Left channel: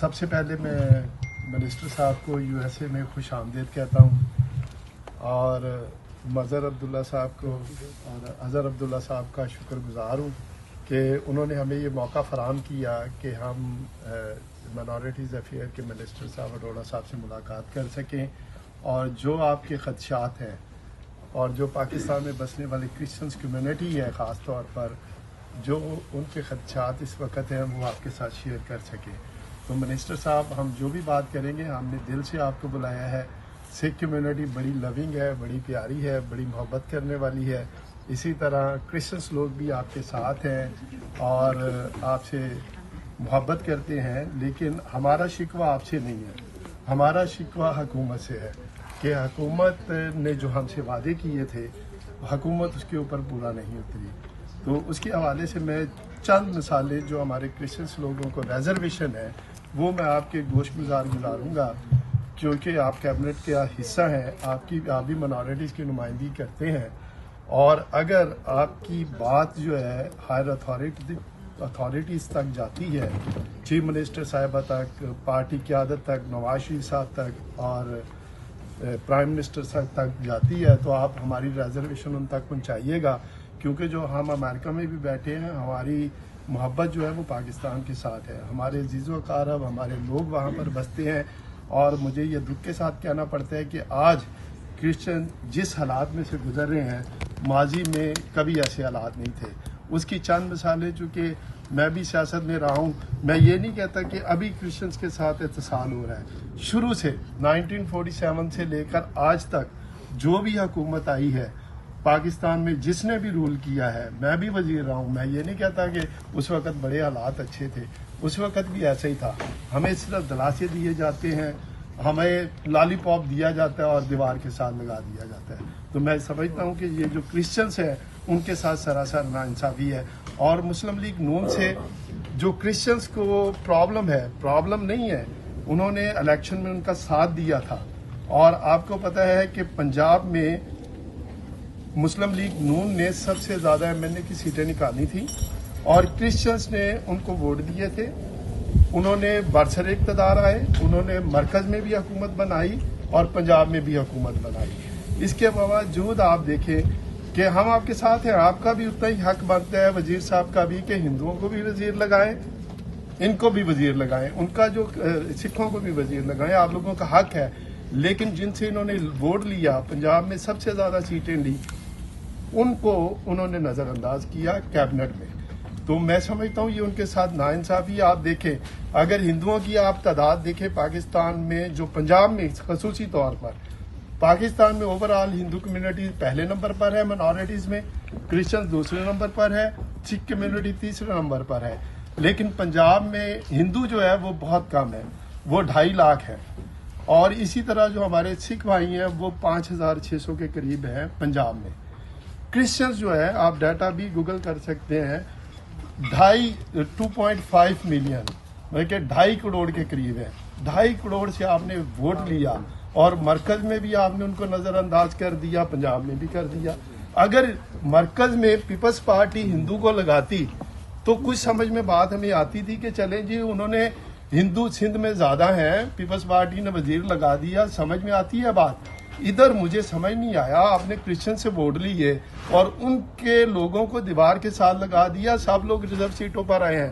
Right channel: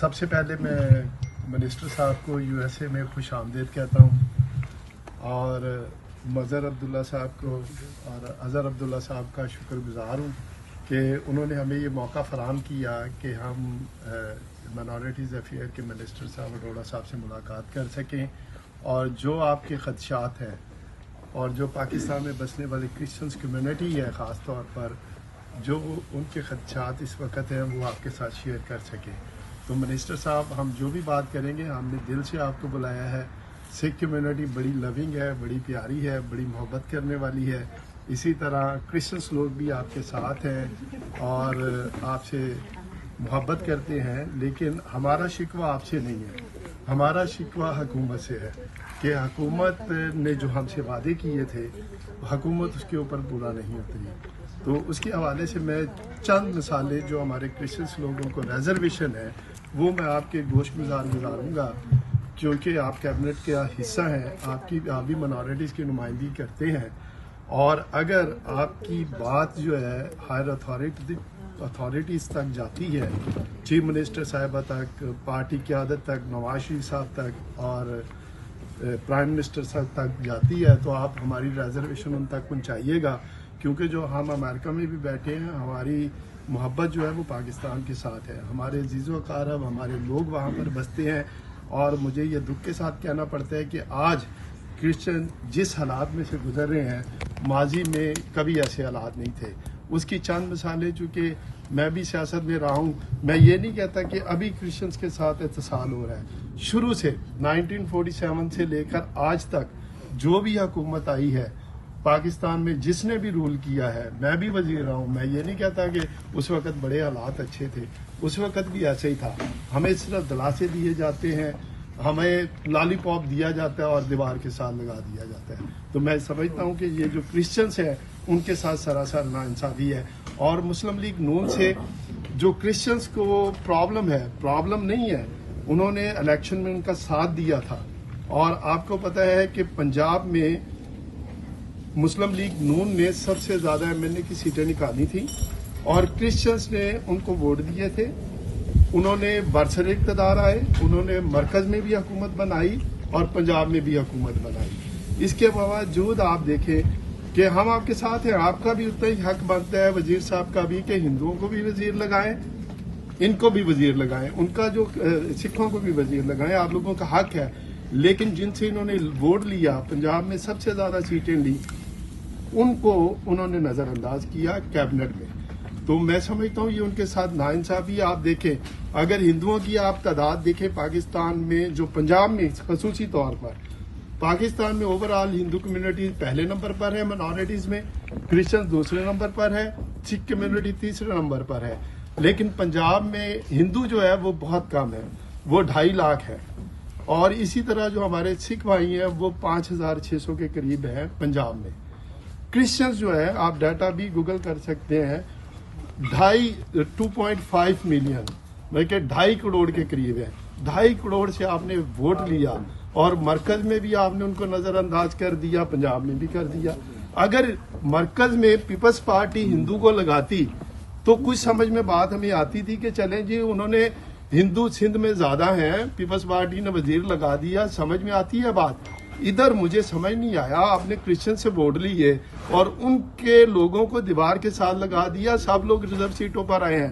سب سے پہلے میں منسٹر صاحب کو USA میں خوش آمدید کہتا ہوں اور مظہر عبداللہ صاحب کو اور اظہر عبداللہ صاحب کا شکر گزار ہوں کہ انہوں نے ہمیں یہ موقع فراہم کیا کہ ہم مائنارٹیز افیئر کے منسٹر صاحب اروڑہ صاحب سے ملاقات کر سکیں اور جو آپ کے خدشات ہیں اور جو پاکستان میں بسنے والے کرسچنس کمیونٹی ہے خاص طور پر جو ان کے خدشات اس وقت ہیں وہ آپ کے ساتھ شیئر کر سکیں. تو منسٹر صاحب ہم جو بھی بات کریں گے ہم نے دل سے آپ کو بلایا ہے. سکھ کمیونٹی بڑی لونگ ہے, بڑی پیاری ہے, بڑی محبت کرنے والی ہے. اسی طرح کرسچنس لوگ بھی آپ کے ساتھ ہیں اور آپ سے محبت کرتے ہیں, لیکن ہمارا شکوہ آپ سے نہیں ہے, ہمارا شکوہ حکومت سے ہے کہ حکومت نے جو ہم سے وعدے کیے تھے حکومت اس کے اوپر پورا نہیں اتری. تو اس کے حوالے سے میں چند مثالیں جو ہمارے کرسچنس لوگوں کو ریزرویشن ہے وہ میں آپ کے گوش گزاروں گا کیونکہ آپ کیبنٹ کا حصہ ہیں, آپ بھی مائنارٹیز کی نمائندگی کرتے ہیں اور اگر آپ کی بات جو ہے ہائر اتھارٹیز تک جاتی ہے, چیف منسٹر صاحبہ تک, پارٹی قیادت تک, نواز شریف صاحب تک اور پرائم منسٹر صاحب تک جاتی ہے تو آپ ہماری ریزرویشن ان تک پہنچائیے گا کیونکہ جو ہم امریکہ میں بھی بیٹھے ہیں ہماری محبت جو ہے وہ پاکستان کے ساتھ ہے. ہمارے عزیز و اقارب ہمارے لوگ وہاں پر بستے ہیں اور مجھے یہ دکھ کے ساتھ کہنا پڑتا ہے کہ آج کرسچن جس حالات میں سے گزر رہے ہیں ماضی میں کبھی ایسے حالات نہیں تھے. اس کی چند مثالیں, چونکہ میں بھی سیاست میں رہا ہوں, میں یہ نہیں کہتا کہ ابھی کرسچنس کے ساتھ اتصال ہو رہا ہے. شروع سے 1947 سے لے کر آج تک جو بھی حکومت آئی ہے پاکستان میں جس نے بھی رول کیا ہے, میں بھی وزیر رہا ہوں, میں یہ نہیں کہتا کہ اس وقت بڑے حالات اچھے تھے, اس وقت بھی ایسے ہی تھا. ہمیں صرف دلاسے دیے جاتے ہیں, ہمیں لالی پاپ دیا جاتا ہے اور دیوار کے ساتھ لگا دیا جاتا ہے. تو میں سمجھتا ہوں کہ یہ جو کرسچنس ہیں ان کے ساتھ سراسر ناانصافی ہے. اور مسلم لیگ نون سے جو کرسچنس کو پرابلم نہیں ہے, انہوں نے الیکشن میں ان کا ساتھ دیا تھا اور آپ کو پتہ ہے کہ پنجاب میں مسلم لیگ نون نے سب سے زیادہ MNA کی سیٹیں نکالی تھیں اور کرسچنس نے ان کو ووٹ دیے تھے. انہوں نے برسر اقتدار آئے, انہوں نے مرکز میں بھی حکومت بنائی اور پنجاب میں بھی حکومت بنائی. اس کے باوجود آپ دیکھیں کہ ہم آپ کے ساتھ ہیں, آپ کا بھی اتنا ہی حق بنتا ہے وزیر صاحب کا بھی کہ ہندوؤں کو بھی وزیر لگائیں, ان کو بھی وزیر لگائیں, ان کا جو سکھوں کو بھی وزیر لگائیں, آپ لوگوں کا حق ہے. لیکن جن سے انہوں نے ووٹ لیا, پنجاب میں سب سے زیادہ سیٹیں لی, ان کو انہوں نے نظر انداز کیا کیبنٹ میں. تو میں سمجھتا ہوں یہ ان کے ساتھ ناانصافی. آپ دیکھیں اگر ہندوؤں کی آپ تعداد دیکھیں پاکستان میں, جو پنجاب میں خصوصی طور پر, پاکستان میں اوورآل ہندو کمیونٹی پہلے نمبر پر ہے, مائنارٹیز میں کرسچن دوسرے نمبر پر ہے, سکھ کمیونٹی تیسرے نمبر پر ہے. لیکن پنجاب میں ہندو جو ہے وہ بہت کم ہے, وہ 2.5 لاکھ ہے. اور اسی طرح جو ہمارے سکھ بھائی ہیں وہ 5600 کے قریب ہیں پنجاب میں. کرسچنز جو ہے آپ ڈیٹا بھی گوگل کر سکتے ہیں, 2.5 ملین بلکہ 2.5 کروڑ کے قریب ہے. 2.5 کروڑ سے آپ نے ووٹ لیا اور مرکز میں بھی آپ نے ان کو نظر انداز کر دیا, پنجاب میں بھی کر دیا. اگر مرکز میں پیپلز پارٹی ہندو کو لگاتی تو کچھ سمجھ میں بات ہمیں آتی تھی کہ چلیں جی انہوں نے ہندو سندھ میں زیادہ ہیں, پیپلز پارٹی نے وزیر لگا دیا, سمجھ میں آتی ہے بات. ادھر مجھے سمجھ نہیں آیا, آپ نے کرسچن سے ووٹ لیے اور ان کے لوگوں کو دیوار کے ساتھ لگا دیا. سب لوگ ریزرو سیٹوں پر آئے ہیں.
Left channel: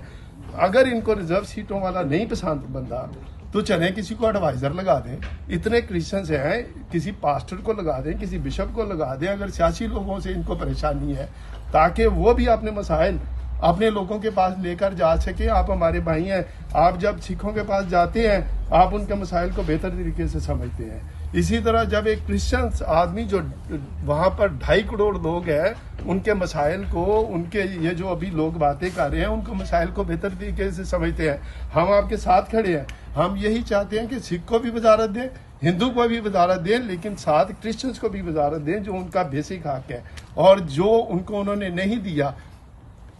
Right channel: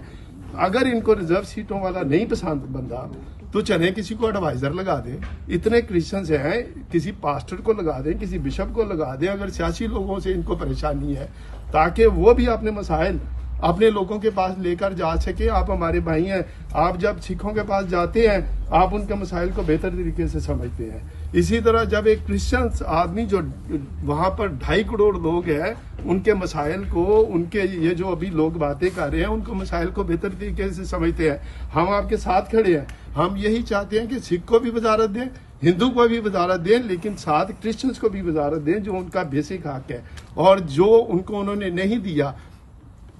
اگر ان کو ریزرو سیٹوں والا نہیں پسند بندہ تو چلیں کسی کو ایڈوائزر لگا دیں. اتنے کرسچنز ہیں, کسی پاسٹر کو لگا دیں, کسی بشپ کو لگا دیں اگر سیاسی لوگوں سے ان کو پریشانی ہے, تاکہ وہ بھی اپنے مسائل اپنے لوگوں کے پاس لے کر جا سکیں. آپ ہمارے بھائی ہیں, آپ جب سکھوں کے پاس جاتے ہیں آپ ان کے مسائل کو بہتر طریقے سے سمجھتے ہیں. اسی طرح جب ایک کرسچن آدمی جو وہاں پر 2.5 کروڑ لوگ ہیں ان کے مسائل کو, ان کے یہ جو ابھی لوگ باتیں کر رہے ہیں ان کو مسائل کو بہتر طریقے سے سمجھتے ہیں. ہم آپ کے ساتھ کھڑے ہیں. ہم یہی چاہتے ہیں کہ سکھ کو بھی وزارت دیں, ہندو کو بھی وزارت دیں, لیکن ساتھ کرسچنس کو بھی وزارت دیں جو ان کا بیسک حق ہے اور جو ان کو انہوں نے نہیں دیا.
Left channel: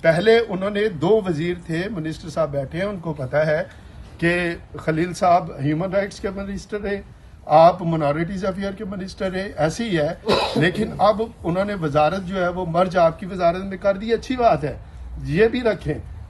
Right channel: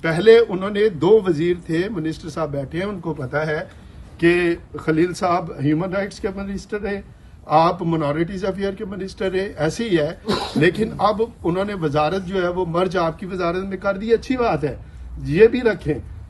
پہلے انہوں نے 2 وزیر تھے, منسٹر صاحب بیٹھے ہیں, ان کو پتا ہے کہ خلیل صاحب ہیومن رائٹس کے منسٹر ہیں, آپ مائنارٹیز افیئر کے منسٹر ہیں, ایسے ہی ہے. لیکن اب انہوں نے وزارت جو ہے وہ مرج آپ کی وزارت میں کر دی, اچھی بات ہے, یہ بھی رکھیں.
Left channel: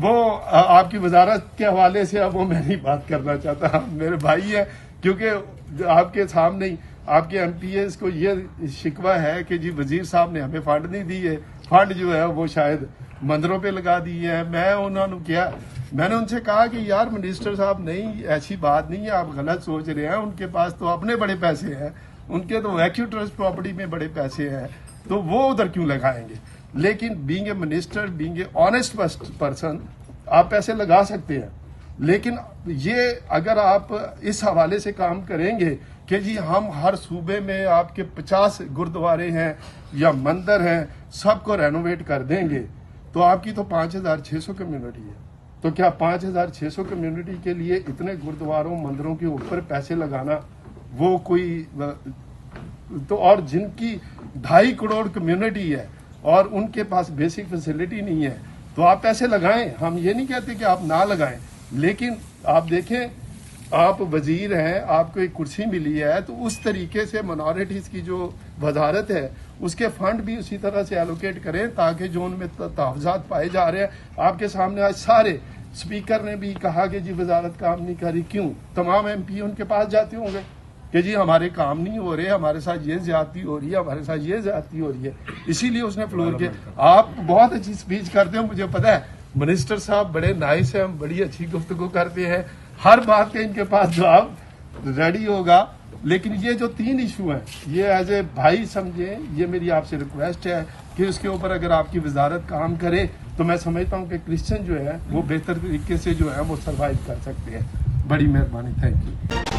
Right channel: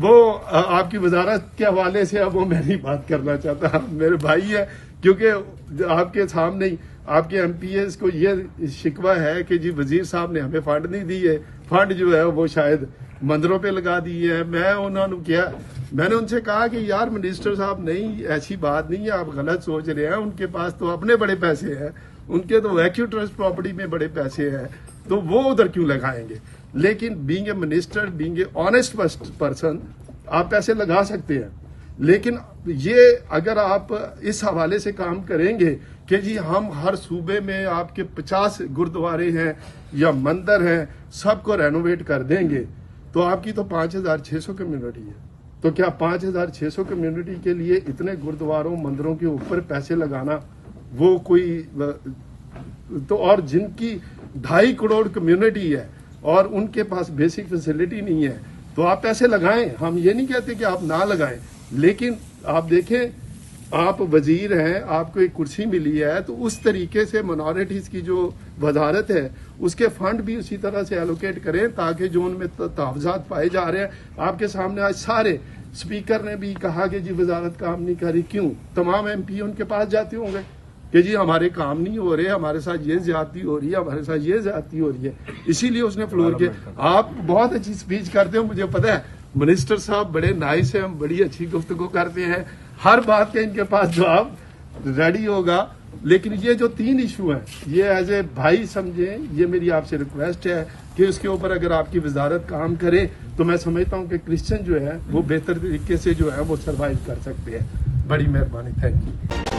وہ آپ کی وزارت کے حوالے سے اب وہ میں نہیں بات کرنا چاہتا، میرے بھائی ہیں، کیونکہ آپ کے سامنے ہی آپ کے ایم پی ایس کو یہ شکوہ ہے کہ جی وزیر صاحب نے ہمیں فنڈ نہیں دی ہے، فنڈ جو ہے وہ شاید مندروں پہ لگا دی ہے۔ میں نے ان سے کہا کہ یار منسٹر صاحب نہیں، ایسی بات نہیں ہے، آپ غلط سوچ رہے ہیں، ان کے پاس تو اپنے بڑے پیسے ہیں، ان کے تو ویکیو ٹرسٹ پراپرٹی میں بڑے پیسے ہیں، تو وہ ادھر کیوں لگائیں گے؟ لیکن being a minister, being a honest person, آپ پیسے لگا سکتے ہیں، لیکن یہ اگر آپ اس حوالے سے کام کریں گے کہ جی ہم ہر صوبے میں آپ کے 50 گردوارے ہیں یا مندر ہیں، سب کو رینوویٹ کر دیں گے، تو آپ کی تو 5600 کمیونٹی ہے، تو کیا 5600 کمیونٹی کے لیے اتنے گردواروں مندروں کے اوپر پیسے لگانا وہ کوئی تو، اور جن کی 2.5 کروڑ کمیونٹی ہے اور ان کے پاس بیسک فیسلٹی نہیں ہے، تو آپ پیسے لگائیں، ہم یہ نہیں کہتے کہ آپ نہ لگائیں، لیکن آپ دیکھیں آپ وزیر ہیں، آپ کو ایک کرسی ملی ہے، تو اس طریقے سے منارٹیز کی جو وزارت ہے اس کے فنڈ بھی اسی طرح سے ایلوکیٹ کریں تاکہ جو ان میں تحفظات پائے جا رہے ہیں۔ آپ کے سامنے آج سارے اسپیکر نے بھی کہا کہ جی وزارت کام نہیں کر رہی، کیوں؟ تمام ایم پی ان کے پاس جاتے ہوں گے کہ جی ہمارے کام نہیں ہو رہے، ہمارے ساتھ یہ زیادتی ہو رہی ہے، ہمارے ساتھ یہ زیادتی ہو رہی ہے، اسی لیے اس نے فلور کیا۔ آپ بہت اچھی اسپیچ کرتے ہو، مجھے پتا ہے، منسٹر صاحب بڑے نائس ہیں، ہم بڑی اچھی گفتگو کرتے ہیں، ہر بات کا ان کے پاس جواب ریڈی ہوگا، لیکن یہ جو 3 ایشو ہیں یہ ایز اے بھائی سمجھیں، یہ میری آپ سے ریکویسٹ ہے کہ اس کے اوپر اگر آپ کی وزارت کام کرے تو میں سمجھتا ہوں کہ کرسچن جو ہے وہ بہتر طریقے سے جو ہے وہ سروائیو کر سکتے ہیں۔ بڑی مہربانی، تھینک یو۔